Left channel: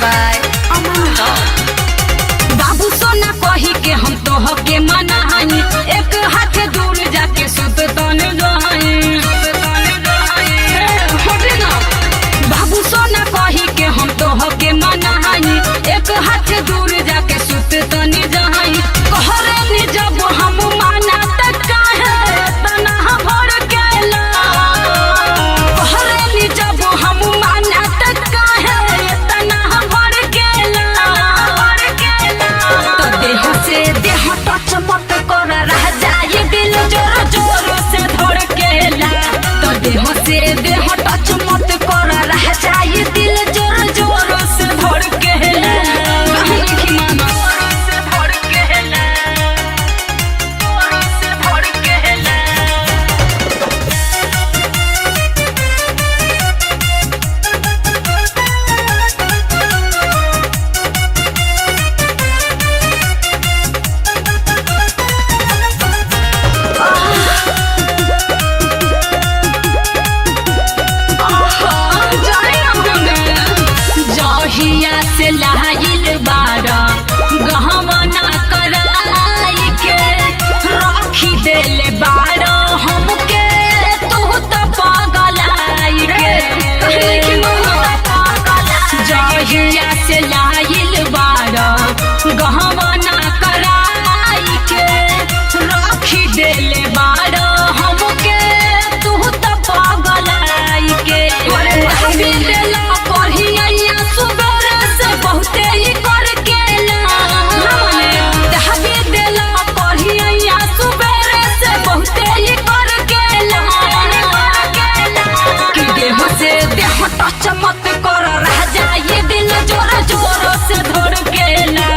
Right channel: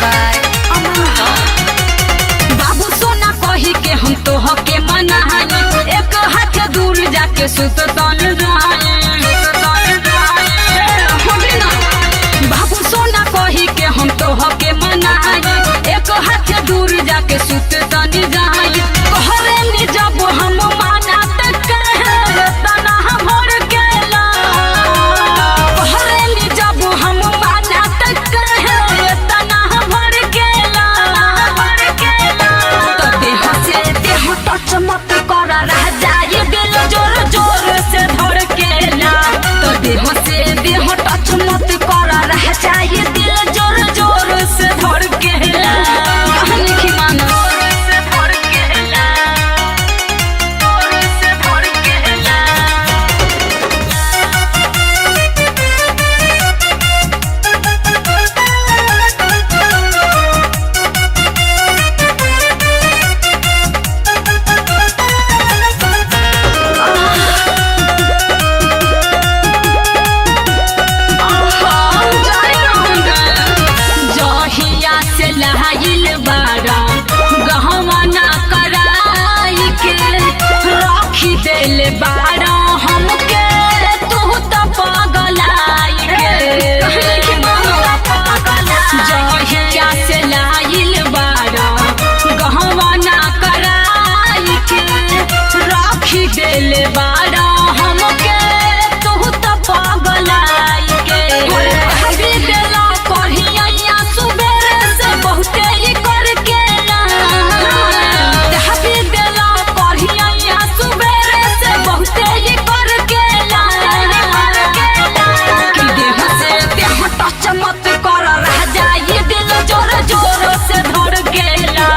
by Aman Rock। बाबू सोना कही के हम तो हके मनाई, एक हाथ दूर जाके सुत तन रही। बाबू सोना कही के हम तो हके मनाई, एक हाथ दूर जाके सुत तनी जाई। कहरे नि जब हम माना त काहे तना भर केला, कहरे नि जब हम माना त काहे तना भर केला। तो देह से देह टच मत कर, रह जाए दिल जोर जोर से धड़केला। तो देह से देह टच मत कर, रह जाए दिल जोर जोर से धड़केला। कहानी की माना से धड़केला, जोर से धड़केला। जहिया से लहाइल बारा गहवाना कराई के रखी देले बारा हमके, तू तो पगलाई के। जहिया से लहाइल बारा गहवाना कराई के रखी देले बारा हमके, तू तो पगलाई के। दहाबी देला करहिया सुबेरे से बहुते ही कर केला। दहाबी देला करहिया सुबेरे से बहुते ही कर केला। कि देह से देह टच मत कर, रह जाए दिल जोर जोर से धड़केला।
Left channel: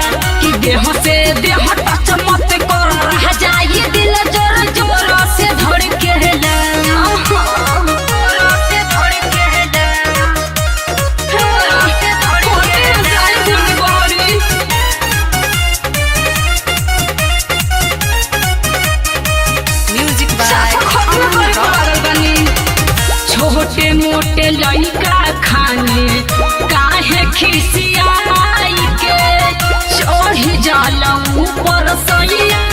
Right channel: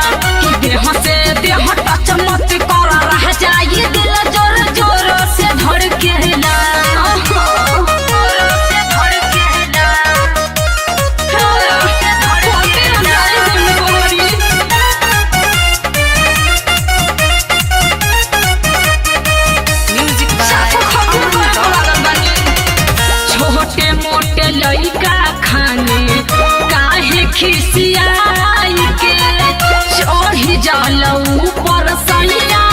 कि देह से देह टच मत कर, रह जाए दिल जोर जोर से धड़केला। जोर से धड़केला, जोर से धड़केला। Music by Aman Rock। छोटे मोटे लइका खाने काहे खिसियाई के चढ़ी जाल ऊपर सैया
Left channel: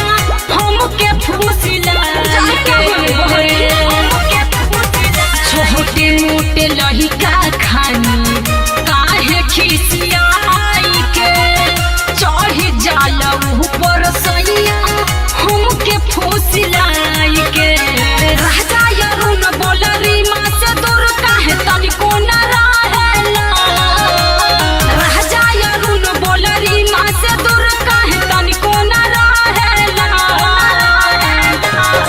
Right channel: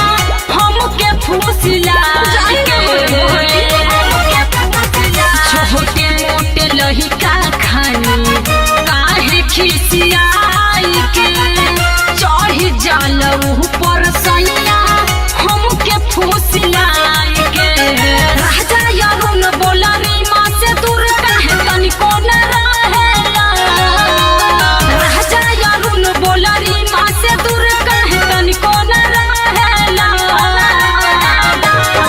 हमके फुसिलाई के। छोटे मोटे लइका खाने काहे खिसियाई के चढ़ी जाल ऊपर सैया हमके फुसिलाई के। राजा अरुण बोला रीमा से दूर काहे तनिको न रहेला। राजा अरुण बोला रीमा से दूर काहे तनिको न रहेला।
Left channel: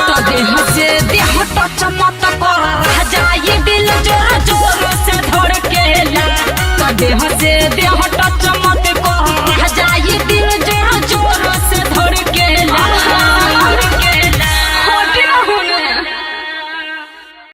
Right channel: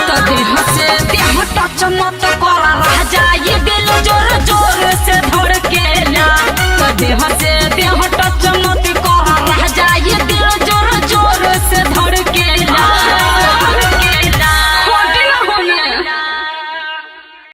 तो देह से देह टच मत कर, रह जाए दिल जोर जोर से धड़केला। तो देह से